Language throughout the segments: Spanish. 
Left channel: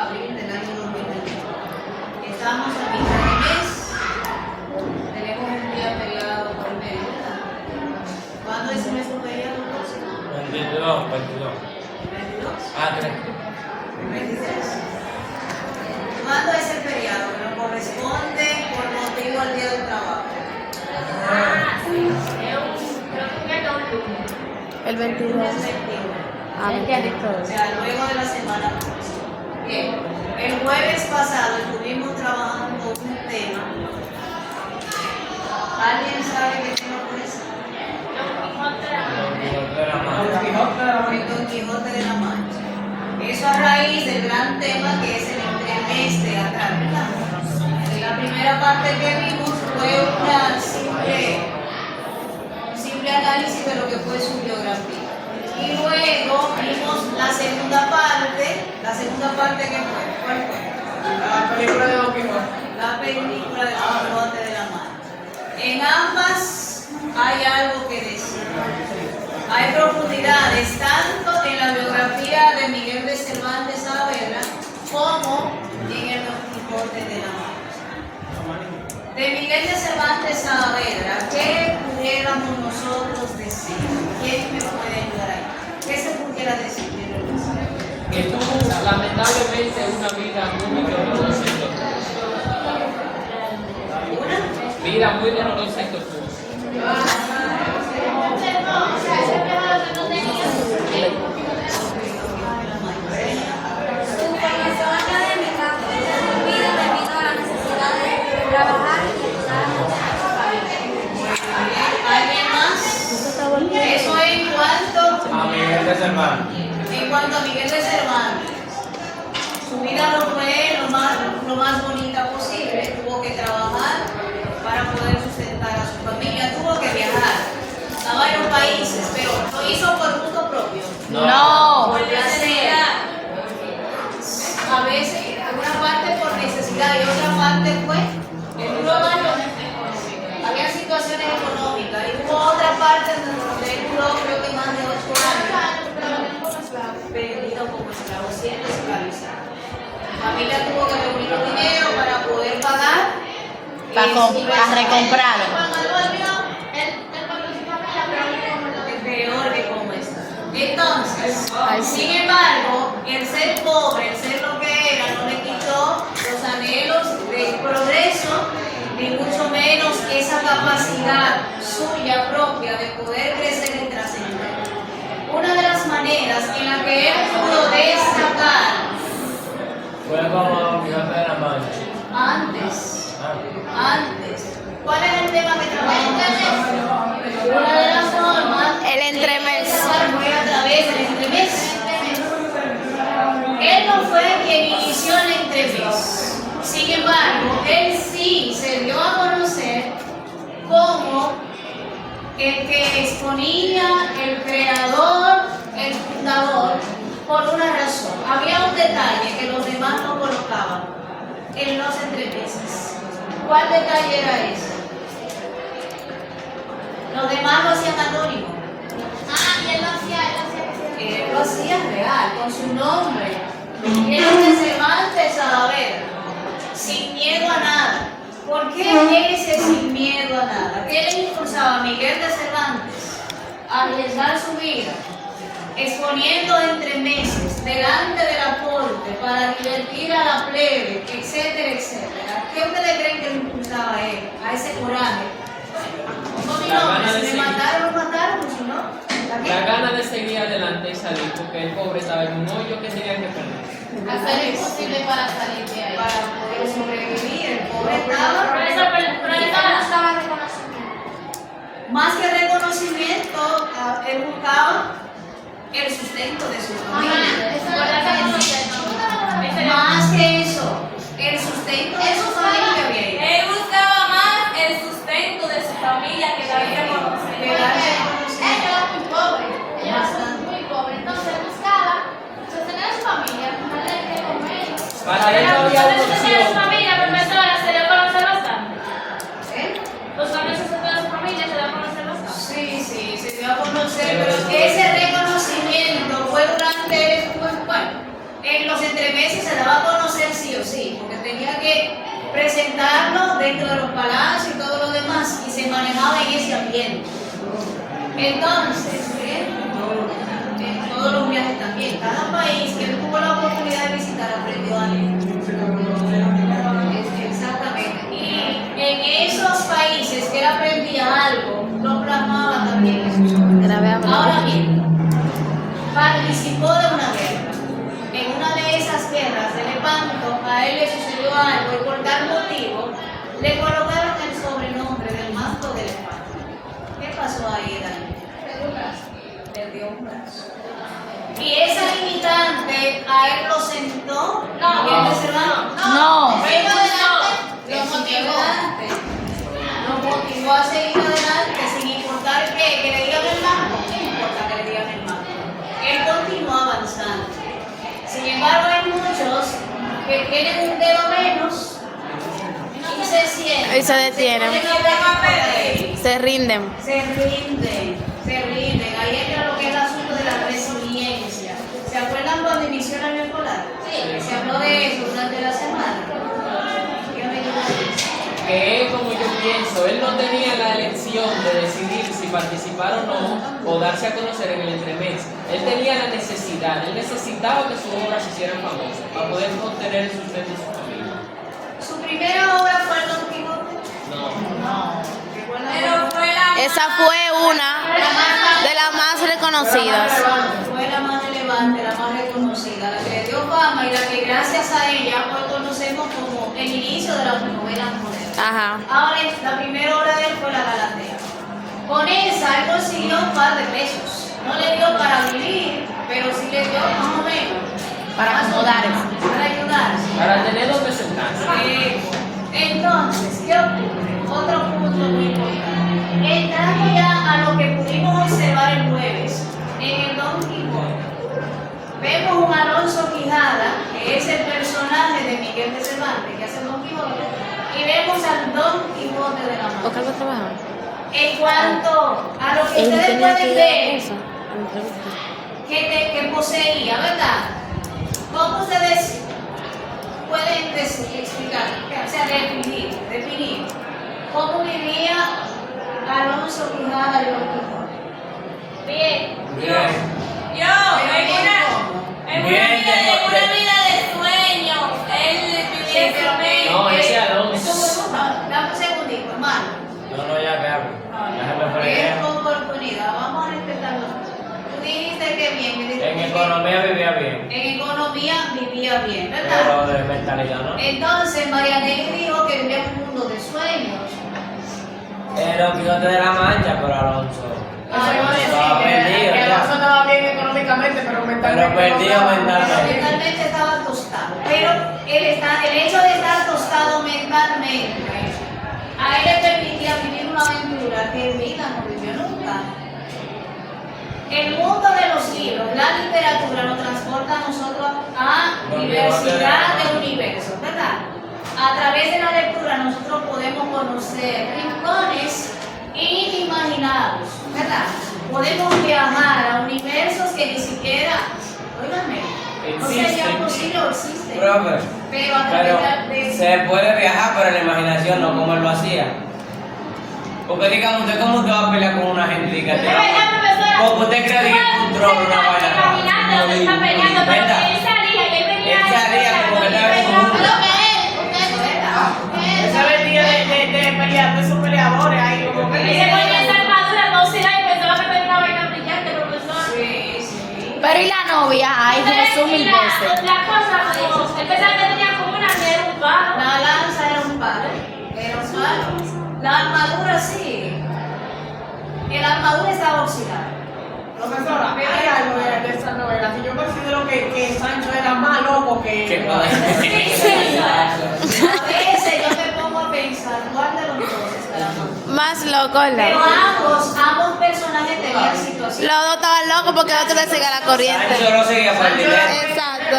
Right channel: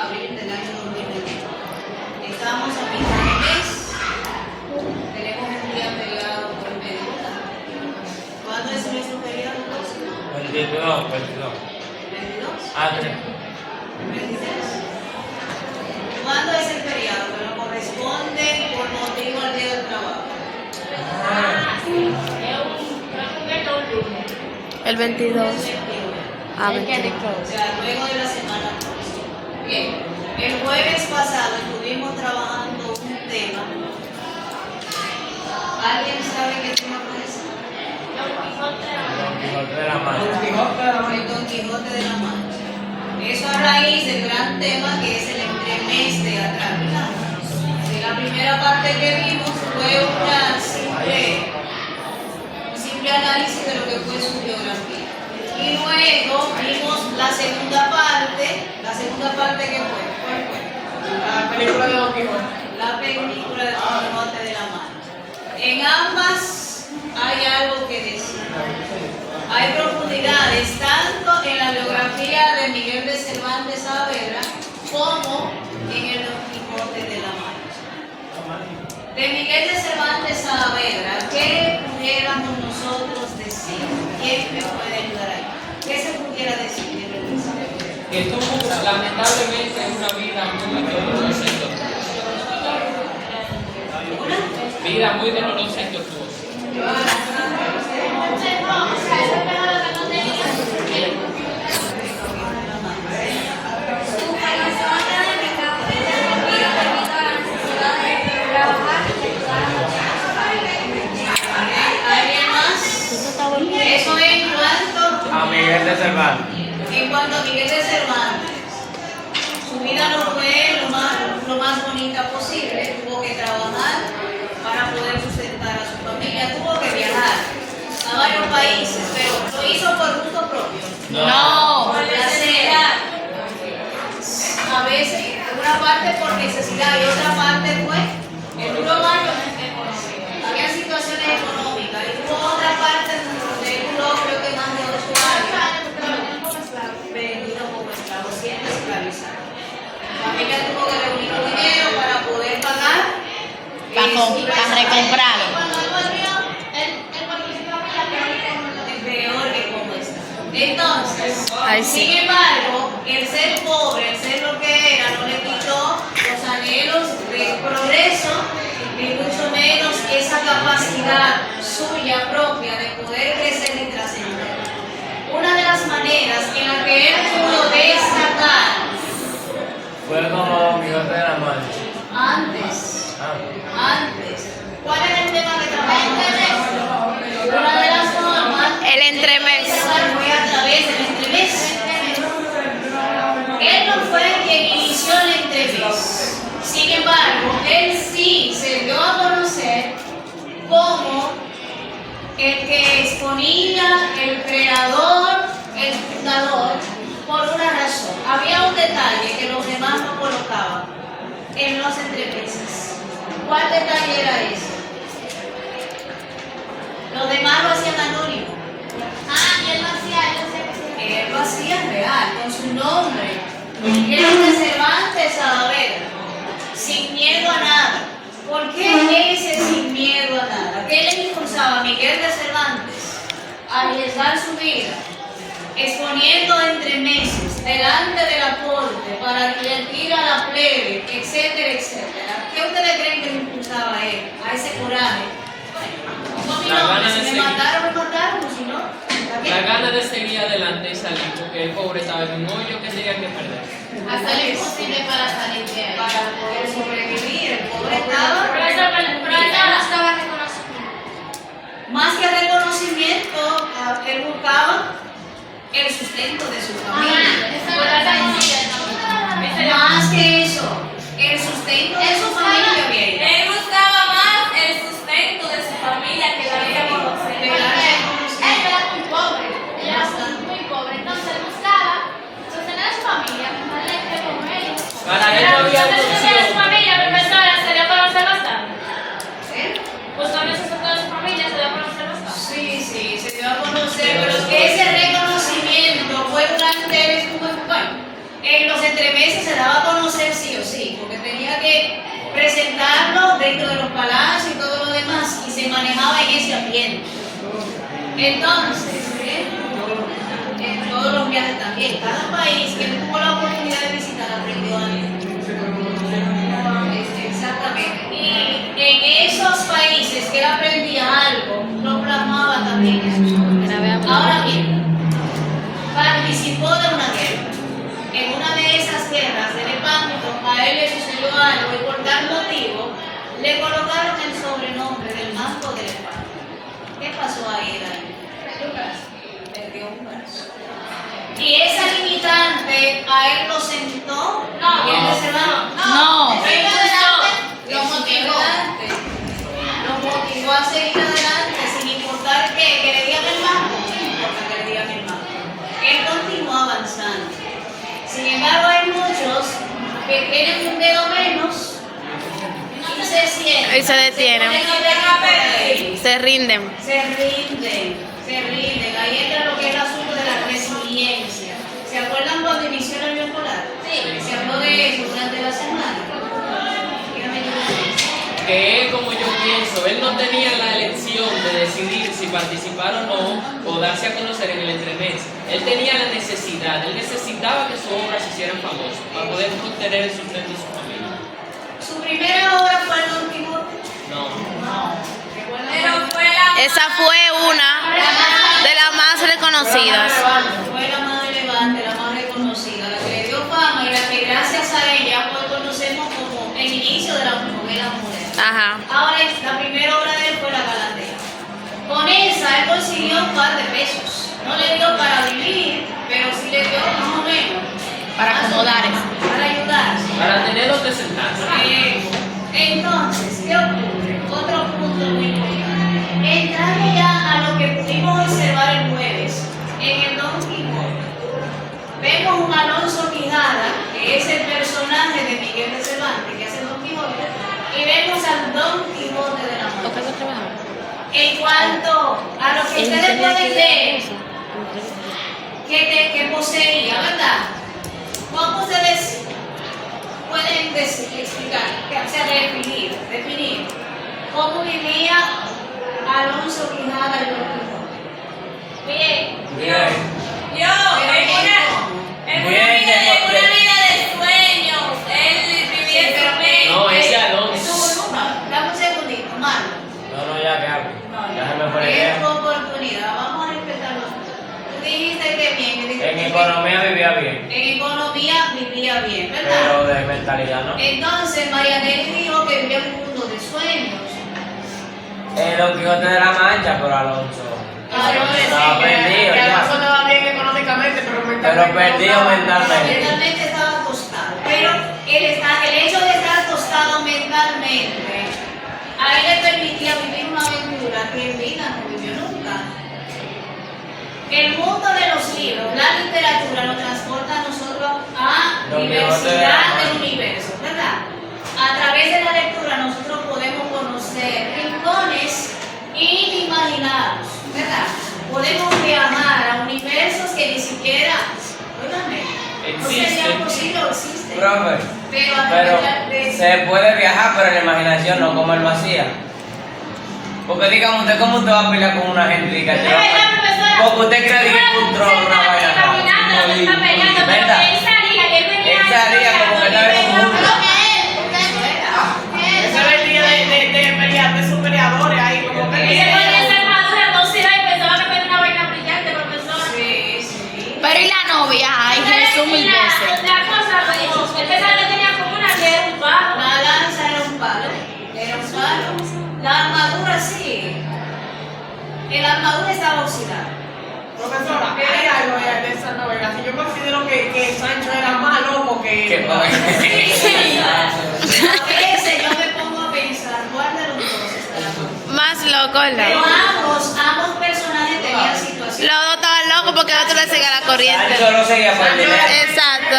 abril del año 2021. Estamos a mitad de mes. Tenemos un día feriado por el mediodía. ¿Cuándo es nuestro feriado próximo? 22. ¿22? Ah, 3. 23. ¿Cuándo es el feriado? Que nos corresponde por motivo al día del trabajo. El 22. Ah, 22. O sea, luego de la semana próxima. Bien, el jueves pasado estuvimos trabajando un tema. ¿Alguien sabe qué tema fue ese? De la mano. El Don Quijote de la Mancha. Eso a raíz del gran tema que es el entremés teatral. La primera parte que vimos fue un simple análisis de lo que fue su biografía. Y luego vimos la segunda parte. ¿La segunda parte qué fue? ¿Cuál fue? La película de Don Quijote. La película de Don Quijote de la Mancha. En ambas hay algo que decir. Hay profundidades tanto en la biografía de Miguel de Cervantes Saavedra como en el Don Quijote de la Mancha. De Miguel de Cervantes Saavedra, ¿qué pudiéramos nosotros decir? ¿Quién me puede ayudar ahí? ¿Qué se pudiera decir? Que tuvo lamentablemente una vida muy dolorosa y tortuosa. Vida muy dolorosa y tortuosa. ¿Alguien más? Eso en cuanto A Miguel de Cervantes. En cuanto a Miguel de Cervantes, su vida no fue lo más bonita posible. Tuvo que trabajar para poder sustentar a su familia. Tuvo que viajar a varios países, pero lo hizo por gusto propio. No. Por placer. A veces, una parte por necesidad y otra parte fue el duro daño económico. Había situaciones económicas y hubo otra parte donde él duró creo que más de 8 años. Vendido como esclavo, siendo esclavizado. La familia tuvo que reunir un dinero para poder pagar recomprarlo. el peor de cómo está. Entonces, Ay, sí. sin embargo, el ser pobre, el ser lo que era, no le quitó los anhelos de progreso, ni mucho menos esa capacidad suya propia de poder crecer y trascender. Una de las maneras en la que él pudo destacar Fue como Don Quijote de la Mancha. antes, ¿cuál era el tema que trabajamos? Una de las formas El entremés. fue a través del entremés. Él no fue quien inició el entremés. Sin embargo, él sí se dio a conocer como el que exponía, el creador, el fundador, por una razón. Había un detalle que los demás no colocaban en los entremeses. ¿Cuál detalle era ese? Los demás lo hacían anónimo. Él lo hacía real, con su nombre. Él es de Cervantes Saavedra, sin miedo a nada. ¿Por qué ese sin miedo a nada? ¿Qué le impulsaba a Miguel de Cervantes a arriesgar su vida, exponiendo entremeses delante de la corte para divertir a la plebe, etcétera, etcétera? ¿Qué ustedes creen que le impulsaba a él, a ese coraje? Bueno, mi nombre, si me mataron, me mataron, si no, ¿está bien? La gana de seguir adelante y salir, porque el pobre estaba en un hoyo que tenía que perder. Hacer lo imposible para salir de ahí. Para poder sobrevivir. El pobre estaba. Más que reconocimiento, él buscaba el sustento de su familia. Más que eso, el sustento de su familia bien. Él buscaba más el sustento de su familia que la vida conocer. De verdad que Él era muy pobre, muy pobre, entonces él buscaba sostener a su familia, darle que comer. Para él no había otra Sostener a su opción. familia, pero pensaba, se le conoce bastante. ¿Eh? Los cambios de toda su familia se le conoce bastante. Sí, se dio a conocer, pero ese reconocimiento fue durante el, bueno, en en los entremeses se daba a conocer sí o sí, porque tenía que presentarlo dentro de los palacios y todo lo demás, y se manejaba en ese ambiente. Entonces, en todos los viajes también, cada país que tuvo la oportunidad de visitar aprendió algo. Exactamente. Y en esos países que él aprendía algo, lo plasmaba también en sus obras. Ahora bien, participó de una guerra. En una de esas guerras de Lepanto, a él le sucedió algo y por tal motivo le colocaron el sobrenombre del manto de Lepanto. ¿Qué pasó ahí, Dani? Perdió un brazo. Y esa limitante a él lo sentó. No. ¿Y él se va? No. Él lo motivó. Lo motivó a seguir adelante sin importar que le digan el manto. No importa que le digan el manto. Él continuó avanzando. Sin embargo, hay muchos que tienen un dedo menos y se sientan. Y se detienen. Se rinden. Se rinden. Ahí entra lo que es el asunto de la resiliencia. ¿Se acuerdan cuando inició el año escolar? Sí. Se habló de eso durante la semana. Dígame yo. Que él, como yo pienso, él no tenía la elección de decidir si participar o no, o darse a conocer en el entremés. Él tenía la necesidad, él necesitaba que sus obras se hicieran famosas para poder mantener el sustento de su familia. ¿Su primera obra fue el Don Quijote? No. Pero fue la Esa fue una de las más reconocidas. Fue la más relevante, la más reconocida, la que le dio fama y la que gracias a ella hoy conocemos como el inicio de las novelas modernas. Ajá. Ahora, la primera obra de él fue La Galatea. Con esa él consiguió un par de pesos. No le dio para vivir, pero sí le dio más o menos. Para acomodarse. Para ayudarse. Para tener donde sentarse. Entonces, ¿qué ocurre? Otro punto muy importante. Entrando ya a lo que pudimos observar el jueves en el Don Quijote, vemos un Alonso Quijada, que es el personaje de Miguel de Cervantes, que hace el Don Quijote, y vemos al Don Quijote de la Mancha. ¿O qué trabajar? En cuanto a lo que ustedes pueden ver que poseía, ¿verdad? ¿Cómo ustedes pueden explicar, o sea, definir cómo vivía Alonso Quijada y Don Quijote? Bien. Bien. En una vida de sueños. Él vivía pero su No, ese Alonso. eso fue dame un segundito, Mano. No, ya que hablo. Déjame poner Es ejemplo. tu oportunidad, vamos a respetarlo. Tú dijiste que bien, que dijiste En que economía vivía bien, en economía vivía bien, ¿verdad? pero de mentalidad no. Entonces Marianelli dijo que vivía en un mundo de sueños. Don Quijote de la Mancha, pero Alonso. Estaba perdido ya. Estaba bien económicamente, pero Pero perdido mentalmente. Mentalmente estaba tostado. Pero el hecho de estar tostado mentalmente, a él le permitía vivir una aventura que en vida no vivió nunca. El mundo de los libros, la literatura nos transporta a nosotros a diversidad de universos, ¿verdad? A través de la lectura nosotros podemos conocer rincones inimaginados, ¿verdad? Podemos viajar a universos que ni siquiera, óigame, no sería Existen. posible o existen. Profe, Pero a pero través de se puede viajar, pero en la imaginación no, como él lo hacía. Porque digamos, ¿usted cómo usted va a pelear con una gente? Diga, porque usted cree que encontró una vaina. ¿Verdad? Él salía como que estaba como un... Ese era el día de pelear, de sus peleadores ahí, como que. Sí, sí. Pero y la novia, ay Jesús, mil veces. La cosa como, él pensaba que tenía como una que era un palo. La lanza era un palo. La armadura sí. La armadura estaba oxidada. Profesora, hay algo de esa novela. Si yo considero que Sancho era más loco que. Que no A veces yo me pongo a pensar cuál de los dos estará mal. Más loco, Pero loco. ambos personajes tenían situaciones. Los dos estaban locos porque el otro le seguía la corriente. Sancho no seguía por el dinero. Exacto.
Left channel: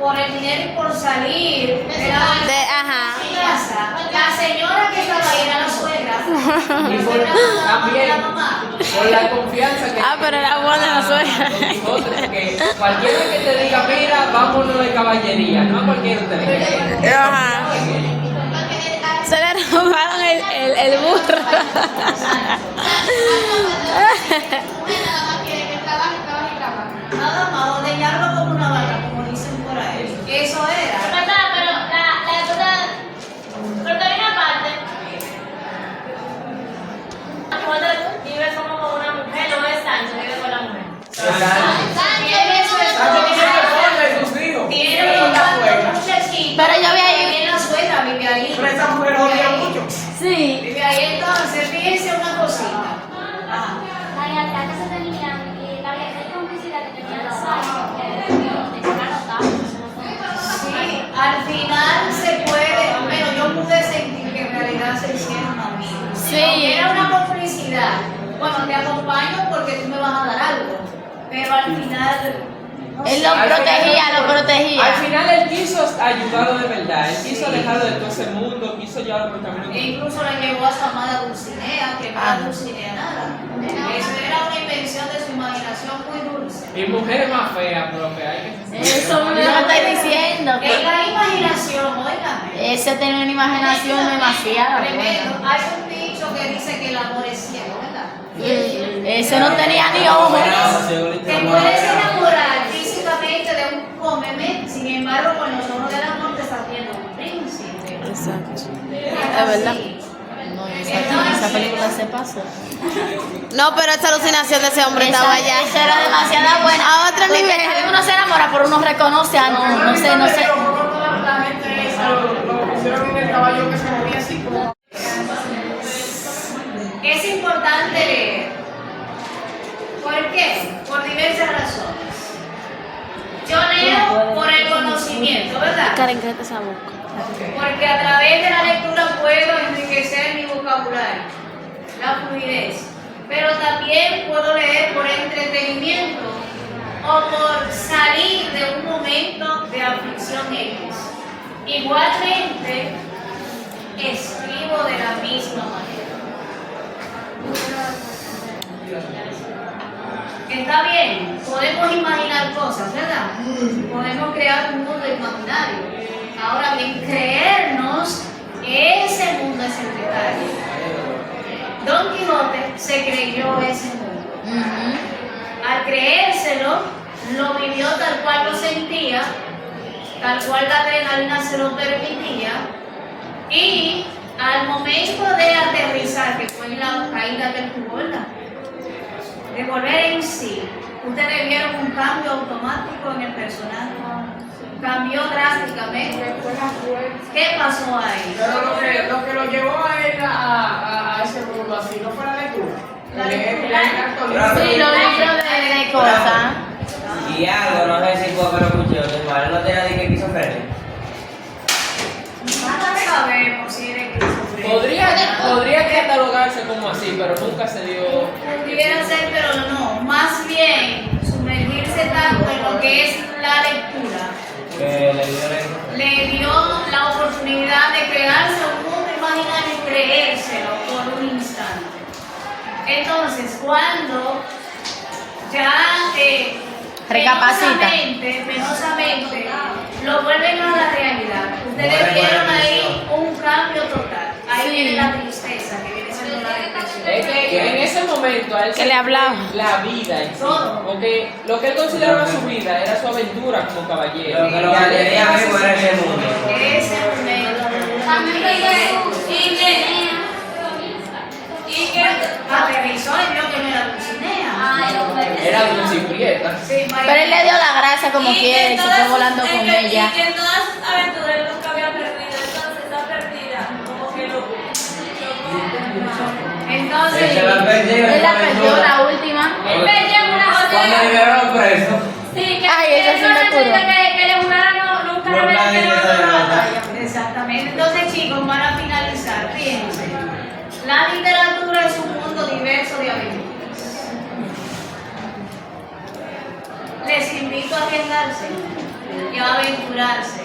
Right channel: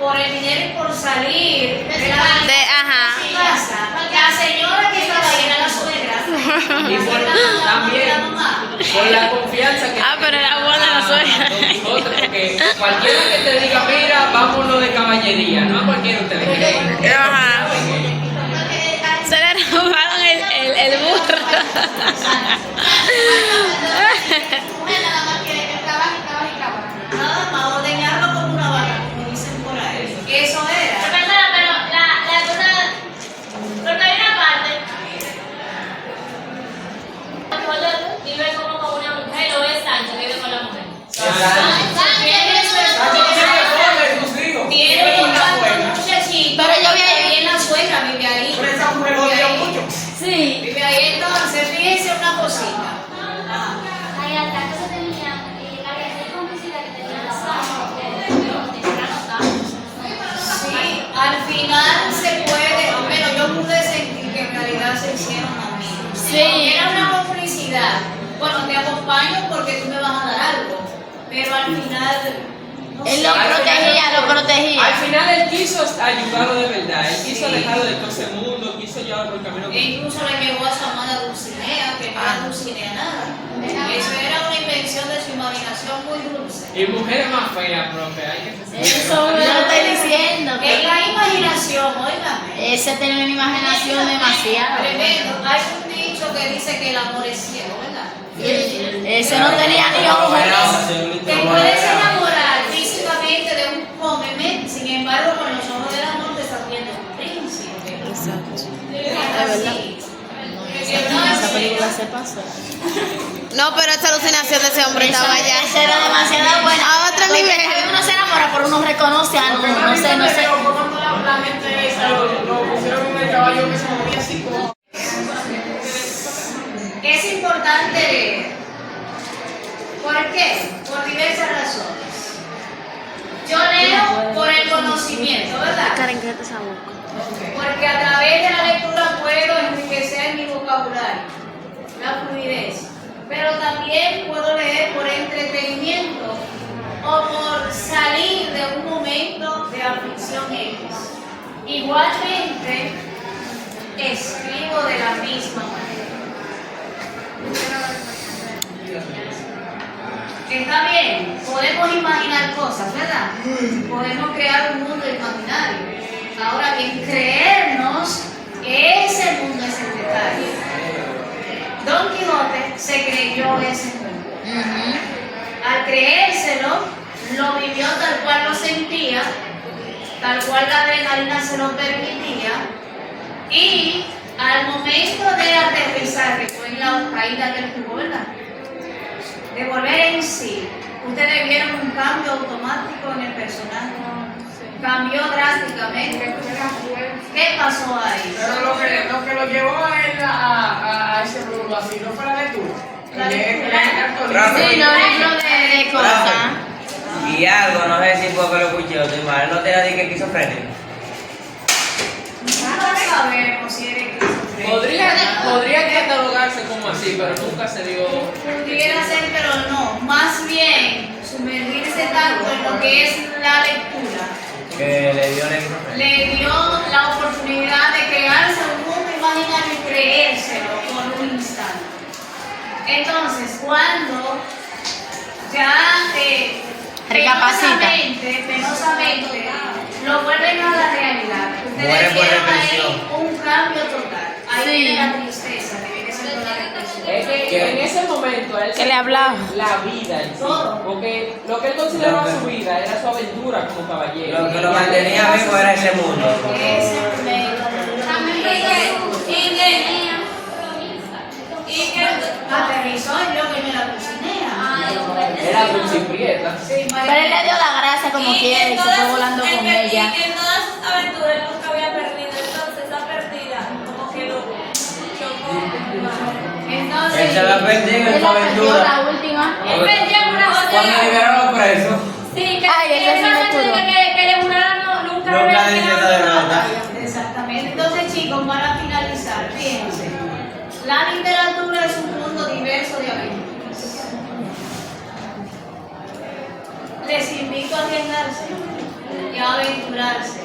Por el dinero y por salir de la Ajá. casa. La señora que estaba ahí era la suegra. Y por, también la mamá. por la confianza que Ah, pero era buena la suegra. Don Quijote, porque cualquiera que te diga, mira, vámonos de caballería, no a cualquiera usted le cree. Ajá. Se le robaron el burro. Nada más, ordeñarlo como una vaca, como dicen por ahí. Eso era. Perdona, pero la cosa. Porque hay una parte. Vive como una mujer, lo es tanto, vive con la mujer. Tiene un muchachito. Pero yo vi ahí. También la suegra vive ahí. Pero esa mujer odia mucho. Sí. Vive ahí entonces, fíjense una cosita. Ajá. Ay, acá no se tenían, la complicidad que tenían los hombres, Sí, al final se puede, bueno, yo pude sentir que en realidad se hicieron amigos. Sí. Era una complicidad. Bueno, te acompaño porque tú me vas a dar algo, pero al final... no Él sé. lo protegía. Al final él quiso ayudarlo de verdad, él quiso alejarlo de todo ese mundo, quiso llevarlo por el camino. E incluso le llevó a su amada Dulcinea, que no era Dulcinea nada. Eso era una invención de su imaginación muy dulce. Y mujer más fea, profe, hay que Eso me lo estoy diciendo. En la imaginación, óigame. Ese tiene una imaginación demasiado. Tremendo. Hay un dicho que dice que el amor es ciego, ¿verdad? Ese no tenía ni ojos. Te puedes enamorar físicamente de un cómeme, sin embargo, con los ojos del amor te estás viendo un príncipe. Exacto. Es verdad. así. Entonces, se pasó. No, pero esta alucinación de ese hombre estaba ya. Esa era demasiado buena. A otro nivel. Uno se enamora, pero uno reconoce a no sé. Pero por cuanto la gente esa lo pusieron en el caballo que se movía así como. es importante leer. ¿Por qué? Por diversas razones. Yo leo por el conocimiento, ¿verdad? Karen, cállate esa boca. Porque a través de la lectura puedo enriquecer mi vocabulario, la fluidez. Pero también puedo leer por entretenimiento o por salir de un momento de aflicción X. Igualmente, escribo de la misma manera. Está bien, podemos imaginar cosas, ¿verdad? Podemos crear un mundo imaginario. Ahora bien, creernos ese mundo es el detalle. Don Quijote se creyó ese mundo. Al creérselo, lo vivió tal cual lo sentía, tal cual la adrenalina se lo permitía, y al momento de aterrizar, que fue en la caída del jugo, ¿verdad? De volver en sí, ustedes vieron un cambio automático en el personaje. Cambió drásticamente. ¿Qué pasó ahí? Pero lo que lo llevó a él a ese mundo así, ¿no fue la lectura? La lectura. Sí, los libros de cosas. Y algo, no sé si fue que lo escuché, tu madre no te la dije que esquizofrénico. No sabemos si era esquizofrénico. Podría catalogarse como así, pero nunca se dio. Pudiera ser, pero no. Más bien, sumergirse tanto en lo que es la lectura, Que le dio la esquizofrénico. le dio la oportunidad de crearse un mundo imaginario y creérselo por un instante. Entonces, cuando ya Recapacita. penosamente lo vuelven a la realidad, ustedes Muere por vieron ahí depresión. un cambio total. Ahí Sí. viene la tristeza, que viene siendo la depresión. Es que en ese momento a él Que se le hablaba. la vida en sí, Todo. porque lo que él consideraba su vida era su aventura como caballero. Lo que lo mantenía vivo era ese mundo. Ese momento. Y que aterrizó y vio que no era Dulcinea. Era dulce y prieta. Sí, Pero él le dio la gracia como quiere y se fue volando con ella. Y que en todas sus aventuras él nunca había perdido, entonces esa pérdida como que lo entonces, Él se la perdió en Él su la perdió aventura. la última. Él perdía una Cuando cosa. liberaron a los presos. Sí, que Ay, ese sí me curó. que le juraron nunca No haber nadie tirado se da nada. exactamente. Entonces, chicos, para finalizar, fíjense. La literatura es un mundo diverso de aventuras. Les invito a arriesgarse y a aventurarse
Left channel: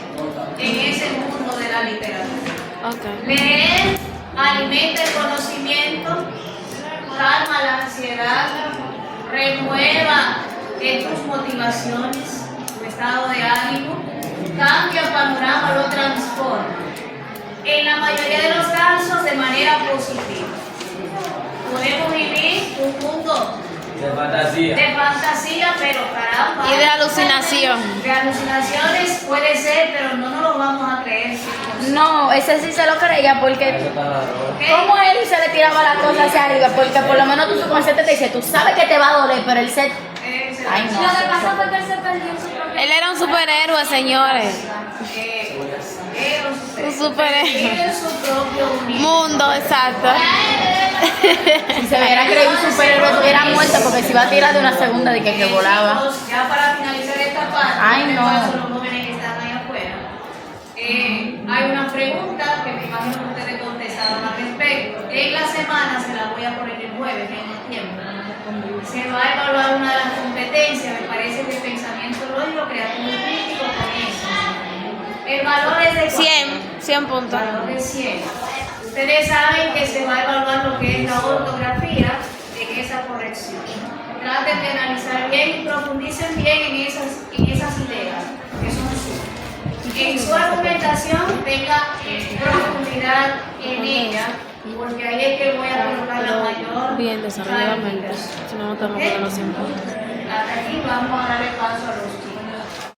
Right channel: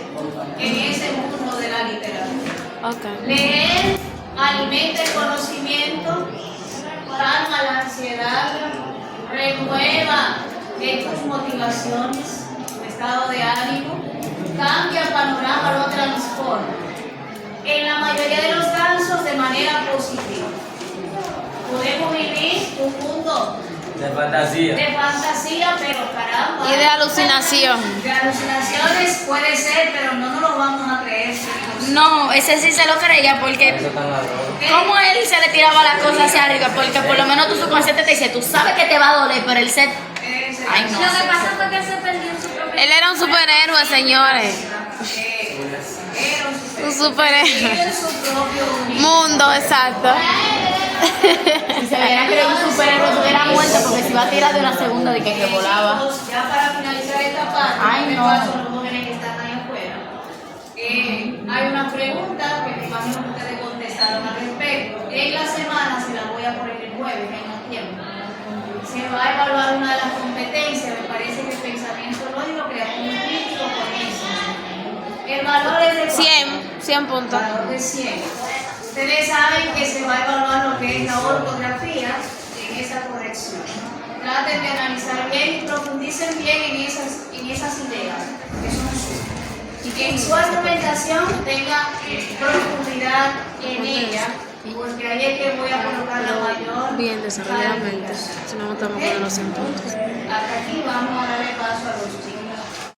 en ese mundo de la literatura. Ok. Leer alimenta el conocimiento, calma la ansiedad, renueva tus motivaciones, tu estado de ánimo, cambia el panorama, lo transforma. En la mayoría de los casos de manera positiva. Podemos vivir un mundo De fantasía, pero caramba. Y de alucinación. De alucinaciones puede ser, pero no nos lo vamos a creer. No, ese sí se lo creía porque como él se le tiraba la cosa hacia arriba, porque por lo menos tu subconsciente te dice, tú sabes que te va a doler, pero él se... Ay, no. Lo que pasa fue que él se perdió en su propio. Él era un superhéroe, señores. Un superhéroe. En su propio Mundo, exacto. Si se hubiera creído un superhéroe, estuviera muerto porque se iba a tirar de una segunda de que volaba. Chicos, ya para finalizar esta parte, Ay, le no. paso a los jóvenes que están ahí afuera. Hay una pregunta que me imagino que ustedes contestaron al respecto. En la semana se la voy a poner el jueves, en el tiempo. Se va a evaluar una de las competencias, me parece que el pensamiento lógico, creativo y crítico con eso. El valor es de 100 puntos. valor de 100. Ustedes saben que se va a evaluar lo que es la ortografía en esa corrección. Traten de analizar bien y profundicen bien en esas ideas que son suyas. Que en su argumentación tenga profundidad en ella, porque ahí es que voy a colocar la mayor Bien desarrolladamente. calificación. Si no, estamos con los 100 puntos. Hasta aquí vamos a darle paso a los chicos.